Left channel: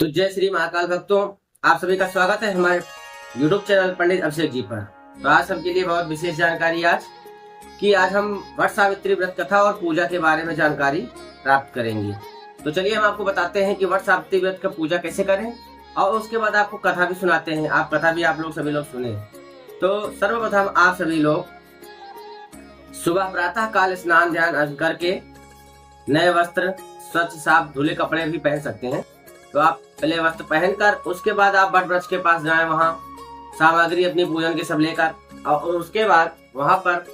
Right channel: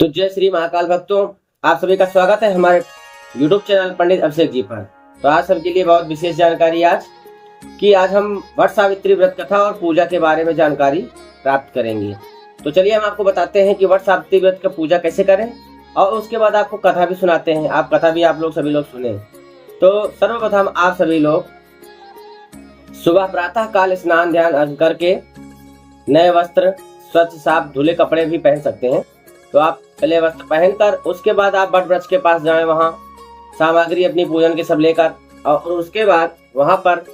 तो जय श्री महाकाल भक्तों, आप सभी का स्वागत है हमारे YouTube चैनल पंडित अभिषेक जी पर। तो आज सबके लिए बहुत विशेष जानकारी आज हम वट सावित्री व्रत कथा और पूजा के बारे में जानकारी प्राप्त करेंगे। तो चलिए हम आपको बताते हैं कि वट सावित्री व्रत का पूजा कैसे करें और उसके बाद आपको कथा भी सुनाते हैं। आप कथा भी आप लोग सभी लोग सुने। तो सर्वप्रथम आप सभी लोग सुबह प्रातः काल स्नान ध्यान करके नए वस्त्र, स्वच्छ साफ धुले कपड़े भी पहन सकते हैं। तो आप पहले वस्त्र पहनकर उसके बाद आप वट वृक्ष के पास जाएं, वहां सामग्री अपनी पूजन के सब लेकर, और उसके बाद वहां पर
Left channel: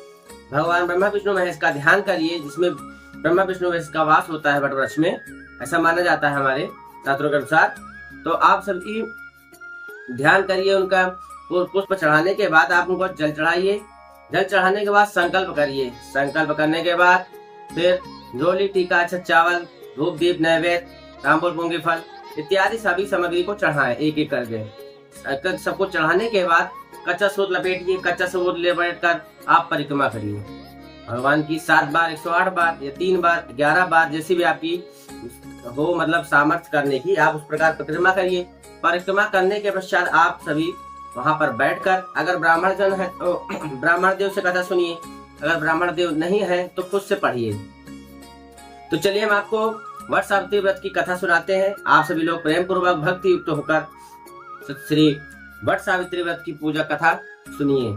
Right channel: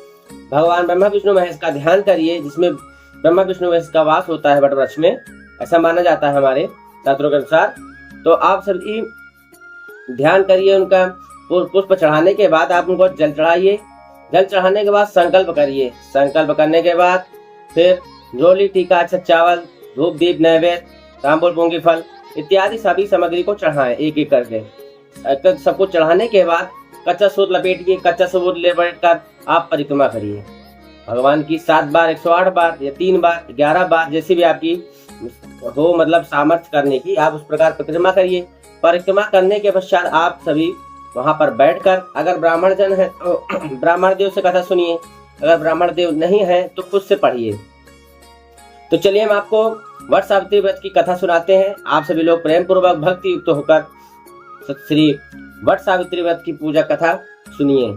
भगवान ब्रह्मा विष्णु महेश का ध्यान करिए, जिसमें ब्रह्मा विष्णु महेश का वास होता है वट वृक्ष में, ऐसा माना जाता है हमारे शास्त्रों के अनुसार। तो आप सभी ध्यान करिए, उनका पुष्प चढ़ाने के बाद आप उनको जल चढ़ाइए। जल चढ़ाने के बाद संकल्प करिए। संकल्प करने के बाद फिर रोली, टीका, अक्षत, चावल, धूप, दीप, नैवेद्य, तांबूल, मूंगी फल इत्यादि सभी सामग्री को चढ़ाएं एक एक करके। सबको चढ़ाने के बाद कच्चा सूत लपेटिए। कच्चा सूत लपेट कर आप परिक्रमा करिए भगवान की 7 बार, 108 बार या 3 बार, 11 बार, जैसी भी आपकी हो मतलब सामर्थ्य करने की, आप उस प्रकार परिक्रमा करिए। परिक्रमा करने के पश्चात आप सभी वहां पर बैठकर, अगर ब्राह्मण जन है तो ब्राह्मण देव से कथा सुनिए, अगर ब्राह्मण देव नहीं है तो खुद से पढ़िए। तो चलिए हम आपको वट सावित्री व्रत की कथा सुनाते हैं। आप सभी लोग प्रेम पूर्वक भक्ति युक्त होकर श्री वट सावित्री व्रत की पूजा कथा सुनिए।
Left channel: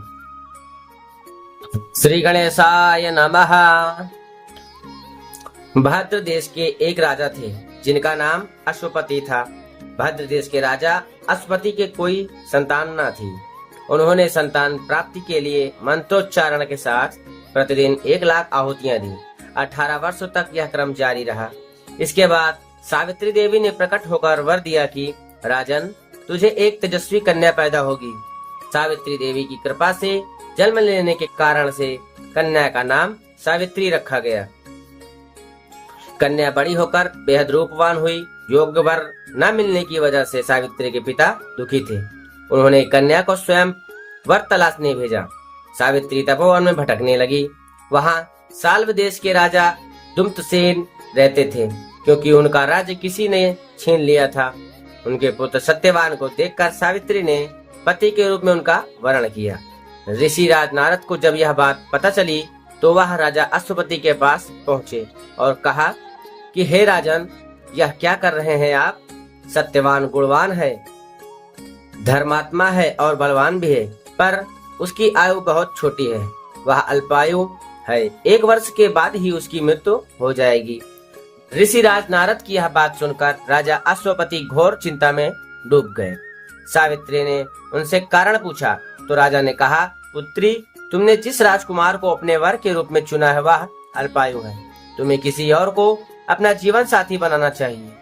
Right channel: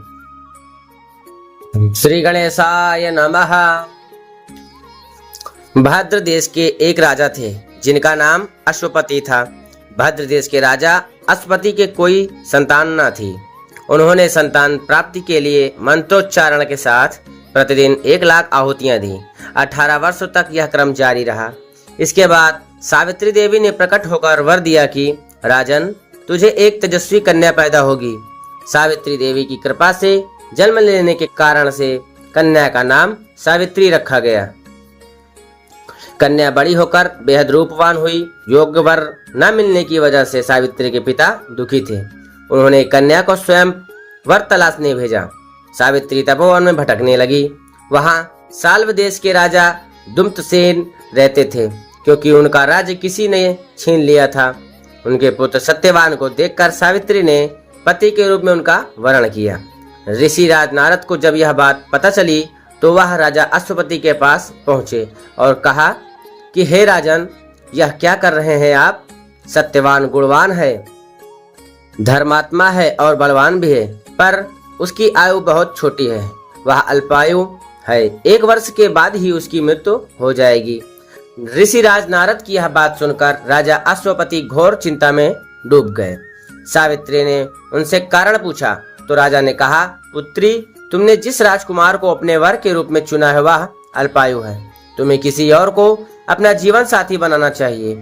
श्री गणेशाय नमः। भद्र देश के एक राजा थे जिनका नाम अश्वपति था। भद्र देश के राजा अश्वपति के कोई संतान न थी। उन्होंने संतान प्राप्ति के लिए मंत्रोच्चारण के साथ प्रतिदिन 1 लाख आहुतियां दी। 18 वर्षों तक यह क्रम जारी रहा। इसके बाद सावित्री देवी ने प्रकट होकर वर दिया कि राजन, तुझे एक तेजस्वी कन्या पैदा होगी। सावित्री देवी की कृपा से जन्म लेने के कारण से कन्या का नाम सावित्री रखा गया। कन्या बड़ी होकर बेहद रूपवान हुई। योग्य वर न मिलने की वजह से सावित्री के पिता दुखी थे। उन्होंने कन्या को स्वयं वर तलाशने भेजा। सावित्री तपोवन में भटकने लगी। वहां साल्व देश के राजा दुम्तसेन रहते थे, क्योंकि उनका राज्य किसी ने छीन लिया था। उनके पुत्र सत्यवान को देखकर सावित्री ने पति के रूप में उनका वर्ण किया। ऋषि राज नारद को जब यह बात पता चली तो वह राजा अश्वपति के पास पहुंचे और कहा कि हे राजन, यह क्या कर रहे हैं आप? सत्यवान गुणवान है, धर्मात्मा है और बलवान भी है, पर उसकी आयु बहुत छोटी है। वह अल्पायु है। 1 वर्ष के बाद ही उसकी मृत्यु हो जाएगी। ऋषि राज नारद की यह बात सुनकर राजा अश्वपति घोर चिंता में डूब गए। सावित्री ने उनसे कारण पूछा तो राजा ने कहा, पुत्री, तुमने जिस राजकुमार को अपने वर के रूप में चुना है वह अल्पायु है। तुम्हें किसी और को अपना जीवन साथी बनाना चाहिए।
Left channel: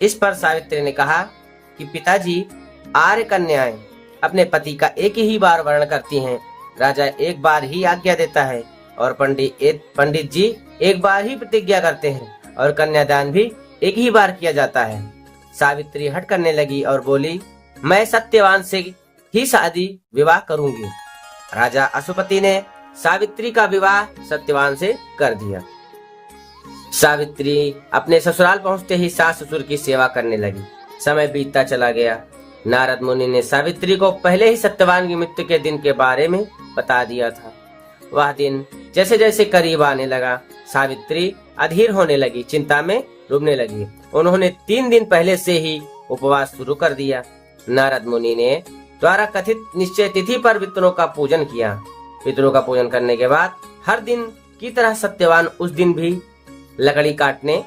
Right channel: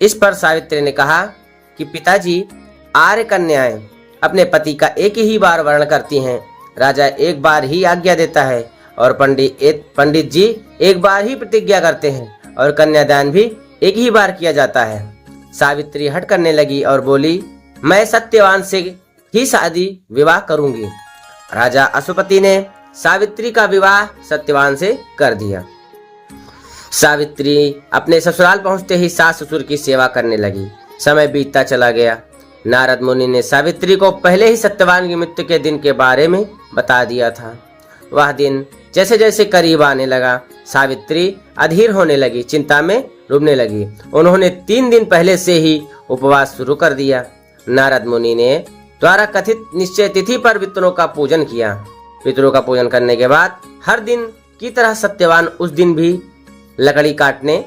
इस पर सावित्री ने कहा कि पिताजी, आर्य कन्याएं अपने पति का एक ही बार वर्ण करती हैं। राजा 1 बार ही आज्ञा देता है और पंडित जी 1 बार ही प्रतिज्ञा करते हैं और कन्यादान भी 1 ही बार किया जाता है। सावित्री हट करने लगी और बोली, मैं सत्यवान से ही शादी विवाह करूंगी। राजा अश्वपति ने सावित्री का विवाह सत्यवान से कर दिया। सावित्री अपने ससुराल पहुंचते ही सास ससुर की सेवा करने लगी। समय बीतता चला गया। नारद मुनि ने सावित्री को पहले ही सत्यवान की मृत्यु के दिन के बारे में बता दिया था। वह दिन जैसे जैसे करीब आने लगा, सावित्री अधीर होने लगी, चिंता में डूबने लगी। उन्होंने 3 दिन पहले से ही उपवास शुरू कर दिया। नारद मुनि ने द्वारा कथित निश्चय तिथि पर पितरों का पूजन किया। पितरों का पूजन करने के बाद हर दिन की तरह सत्यवान उस दिन भी लकड़ी काटने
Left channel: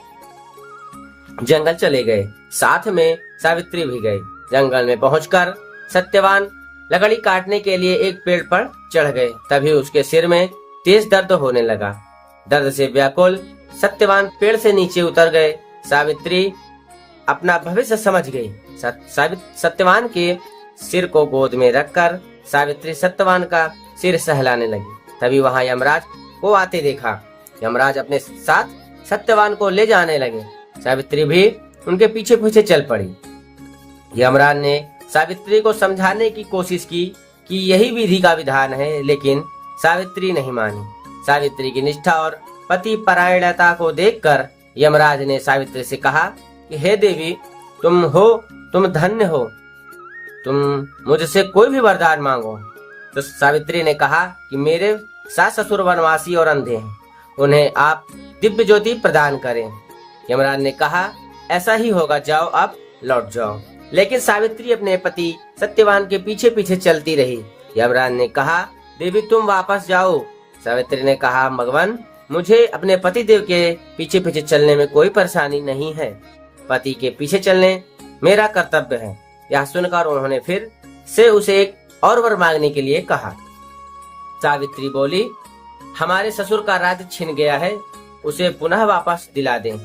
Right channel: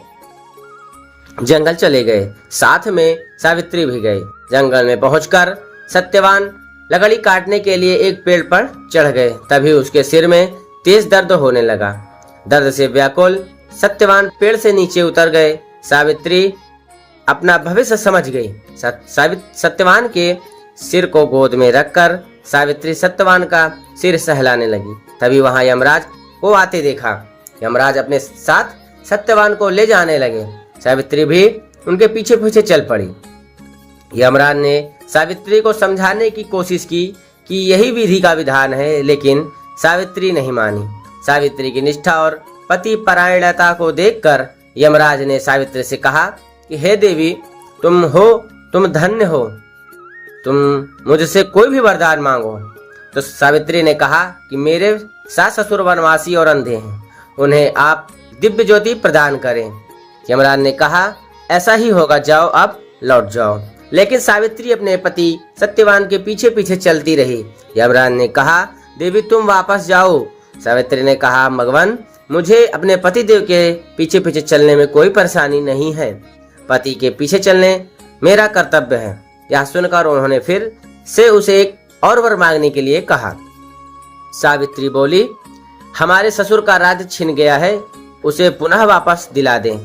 जंगल चले गए। साथ में सावित्री भी गई। जंगल में पहुंचकर सत्यवान लकड़ी काटने के लिए एक पेड़ पर चढ़ गए। तभी उसके सिर में तेज दर्द होने लगा। दर्द से व्याकुल सत्यवान पेड़ से नीचे उतर गए। सावित्री अपना भविष्य समझ गई। सत्यवान के सिर को गोद में रखकर सावित्री सत्यवान का सिर सहलाने लगी। तभी वहां यमराज को आते देखा। यमराज अपने साथ सत्यवान को ले जाने लगे। सावित्री भी उनके पीछे पीछे चल पड़ी। यमराज ने सावित्री को समझाने की कोशिश की कि यही विधि का विधान है, लेकिन सावित्री नहीं मानी। सावित्री की निष्ठा और पति परायणता को देखकर यमराज ने सावित्री से कहा कि हे देवी, तुम हो, तुम धन्य हो, तुम मुझसे कोई भी वरदान मांगो। तो सावित्री ने कहा कि मेरे सास ससुर वनवासी और अंधे हैं, उन्हें आप दिव्य ज्योति प्रदान करें। यमराज ने कहा ऐसा ही होगा, जाओ अब लौट जाओ। लेकिन सावित्री अपने पति सत्यवान के पीछे पीछे चलती रही। यमराज ने कहा देवी तुम वापस जाओ। सावित्री ने कहा भगवान मुझे अपने पति देव के पीछे पीछे चलने में कोई परेशानी नहीं है, पति के पीछे चलने मेरा कर्तव्य है। यह सुनकर उन्होंने फिर से उसे एक और वर मांगने के लिए कहा। सावित्री बोली हमारे ससुर का राज्य छिन गया है, उसे पुनः वापस दिला दें।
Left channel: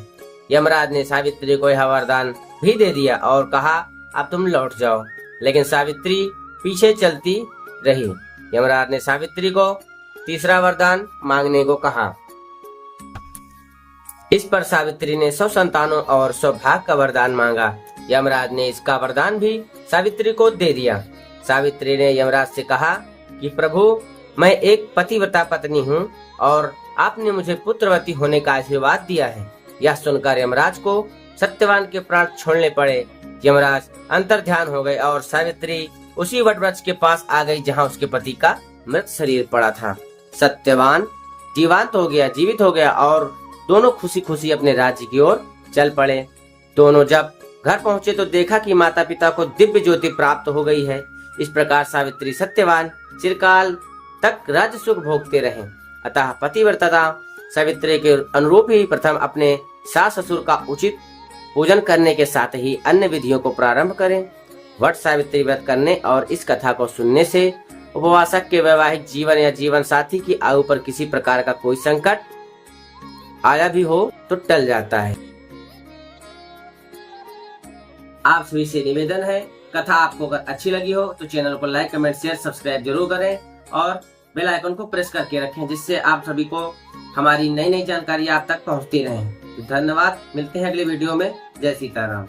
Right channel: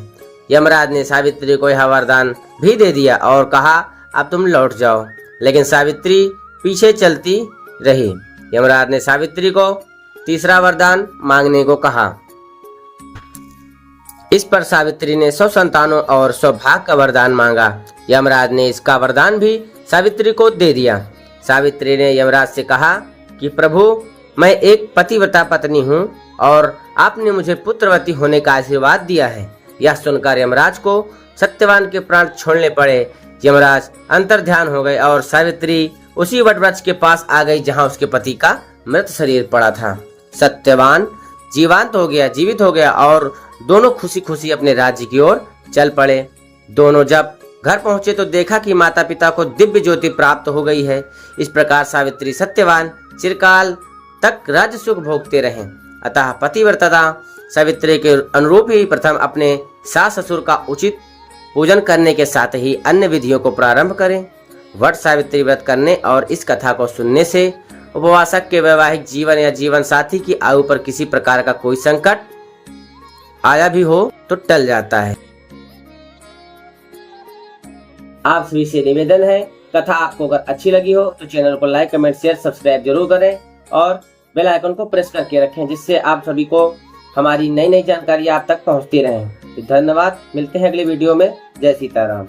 यमराज ने सावित्री को यह वरदान भी दे दिया और कहा अब तुम लौट जाओ। लेकिन सावित्री पीछे चलती रही। यमराज ने सावित्री को तीसरा वरदान मांगने को कहा। इस पर सावित्री ने 100 संतानों और सौभाग्य का वरदान मांगा। यमराज ने इसका वरदान भी सावित्री को दे दिया। सावित्री ने यमराज से कहा कि प्रभु मैं एक पतिव्रता पत्नी हूँ और आपने मुझे पुत्रवती होने का आशीर्वाद दिया है। यह सुनकर यमराज को सत्यवान के प्राण छोड़ने पड़े। यमराज अंतर्ध्यान हो गए और सावित्री उसी वटवृक्ष के पास आ गई जहाँ उसके पति का मृत शरीर पड़ा था। सत्यवान जीवित हो गया और दोनों खुशी खुशी अपने राज्य की ओर चल पड़े। दोनों जब घर पहुंचे तो देखा कि माता पिता को दिव्य ज्योति प्राप्त हो गई है। इस प्रकार सावित्री सत्यवान चिरकाल तक राज्य सुख भोगते रहे। अतः पतिव्रता सावित्री के अनुरूप ही प्रथम अपने सास ससुर का उचित पूजन करने के साथ ही अन्य विधियों को प्रारंभ करें। वट सावित्री व्रत करने और इस कथा को सुनने से उपवासक के वैवाहिक जीवन या जीवन साथी की आयु पर किसी प्रकार का कोई संकट आया भी हो तो टल जाता है। आप सभी से निवेदन है, कथा आपको अगर अच्छी लगी हो तो चैनल को लाइक कमेंट शेयर सब्सक्राइब जरूर करें और बेल आइकन को प्रेस करके रखें, जिससे आप सभी को हमारी नई नई जानकारी आप तक पहुंचती रहे। तो धन्यवाद, मिलते हैं अगले वीडियो में। जय सीताराम।